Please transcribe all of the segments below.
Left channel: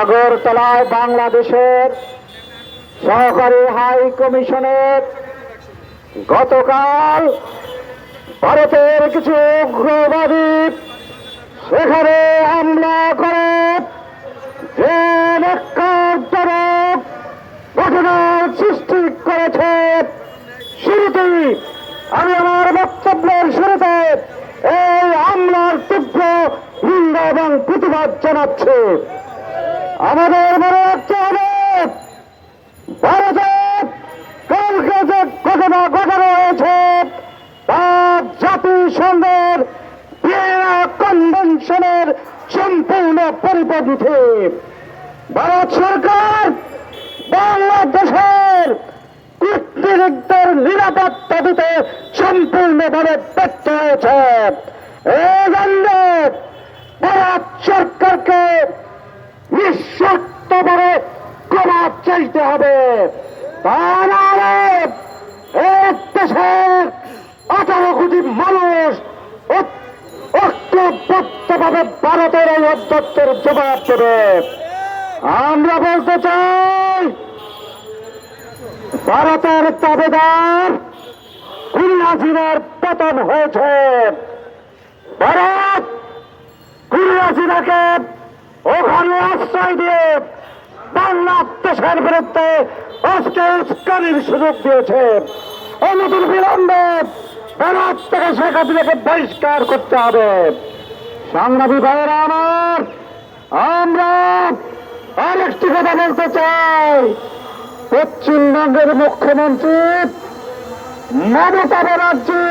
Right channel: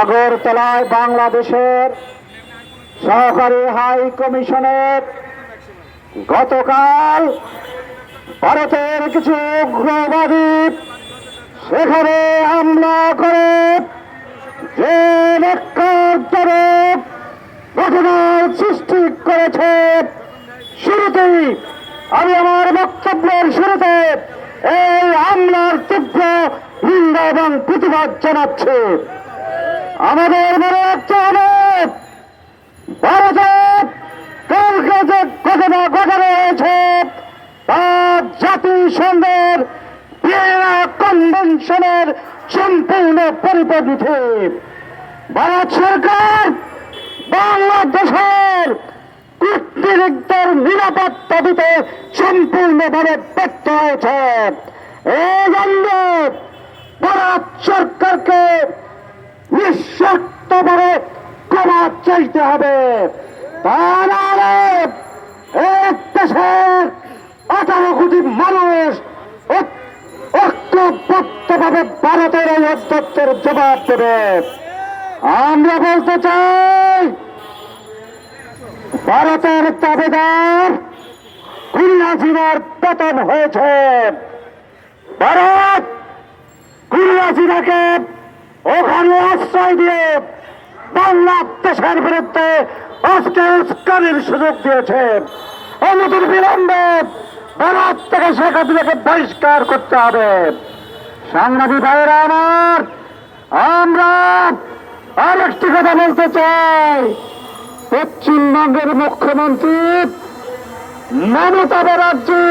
আগরতলায় বাংলাদেশের সহকারী হাই কমিশনের গতকাল ভারতের কিছু উগ্রবাদী সেখানে হামলা করে যে ঘটনার সৃষ্টি করেছে। শুরুতেই আমি আমার বক্তব্যের শুরুতে এই হামলার তীব্র নিন্দা এবং প্রতিবাদ জানাচ্ছি। আমাদের মনে রাখতে হবে, ভারতের কালকে যে ঘটনা ঘটানো হয়েছে তা জাতিসংঘের ভিয়েনা কনভেনশনের সম্পূর্ণ পরিপন্থী। ভারত সরকার বাংলাদেশের কূটনীতিকদের নিরাপত্তা দিতে সম্পূর্ণভাবে ব্যর্থ হয়েছে। এই জন্য ভারত সরকারকে নিঃশর্তভাবে ক্ষমা চাইতে হবে। তাহলে এক দেশের 18 কোটি মানুষ ঐক্যবদ্ধভাবে ভারতের এই অধ্যক্ষের জবাব দেবে। আমরা বলতে চাই, ভারতের দাবিদার খুলনাজিরার পতন হয়েছে। ভারত খুলনাজিরাকে ওখানে আশ্রয় দিয়ে বাংলাদেশের বিরুদ্ধে আজকে উস্কানির সুযোগ দিয়েছে। অনতির বিলম্বে ভারত থেকে শেখ হাসিনাকে বহিষ্কার করতে হবে। সাংবাদিক ভাইয়েরা আমার, আমরা আরেকটি কথা বলতে চাই। পশ্চিমবঙ্গের মুখ্যমন্ত্রী মমতা ব্যানার্জি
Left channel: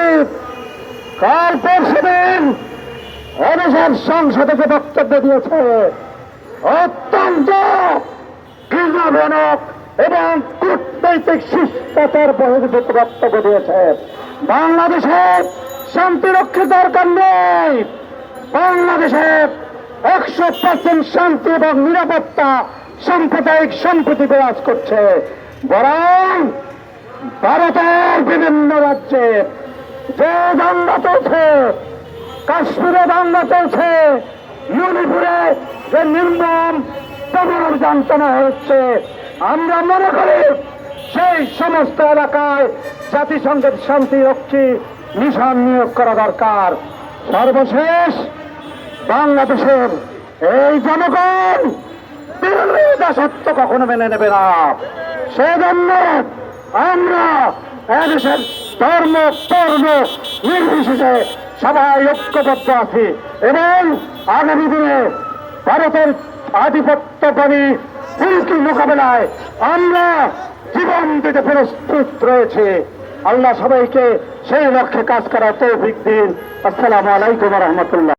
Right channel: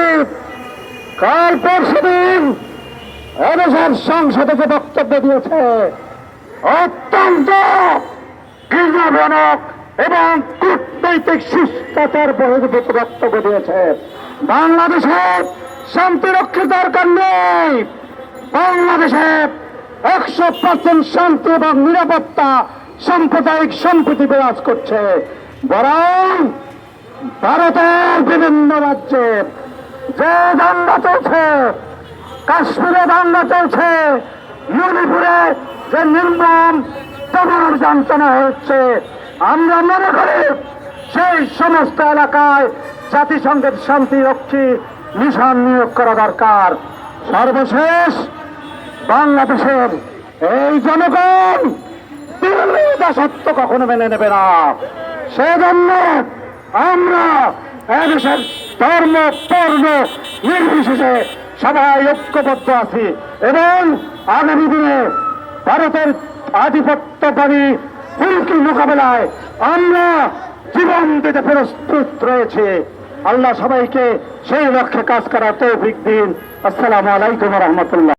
কাল পরশুদিন এদেশের সংসদে যে বক্তব্য দিয়েছে অত্যন্ত ঘৃণাজনক এবং কূটনৈতিক শিষ্টাচার বহির্ভূত বক্তব্য দিয়েছে। বাংলাদেশে শান্তি রক্ষা দরকার নেই। বাংলাদেশে 100% শান্তি এবং নিরাপত্তা সাম্প্রদায়িক সম্প্রীতি বিরাজ করছে। বরং ভারতের বিভিন্ন রাজ্যে যে দাঙ্গা চলছে, কাশ্মীরে দাঙ্গা চলছে, মণিপুরে যে নির্মম দমনের যন্ত্রণা হচ্ছে, আমরা মনে করি সেই সমস্ত এলাকায় জাতিসংঘের শান্তিরক্ষী মিশন নিয়োগ করা দরকার। সর্বশেষ বাংলাদেশের এই জনগণ দাসত্ব কখনো মেনে নেবে না। সেজন্য আমরা এদেশের ধর্ম বর্ণ নির্বিশেষে সবাই ঐক্যবদ্ধ আছি এবং আগামী দিনে ভারতের আধিপত্যবাদী হুমকি মোকাবেলায় আমরা জীবন দিতে প্রস্তুত রয়েছে। আল্লাহ সবাইকে সেই লক্ষ্যে কাজ করার তৌফিক দিন। আসসালামু আলাইকুম ওয়া রাহমাতুল্লাহ।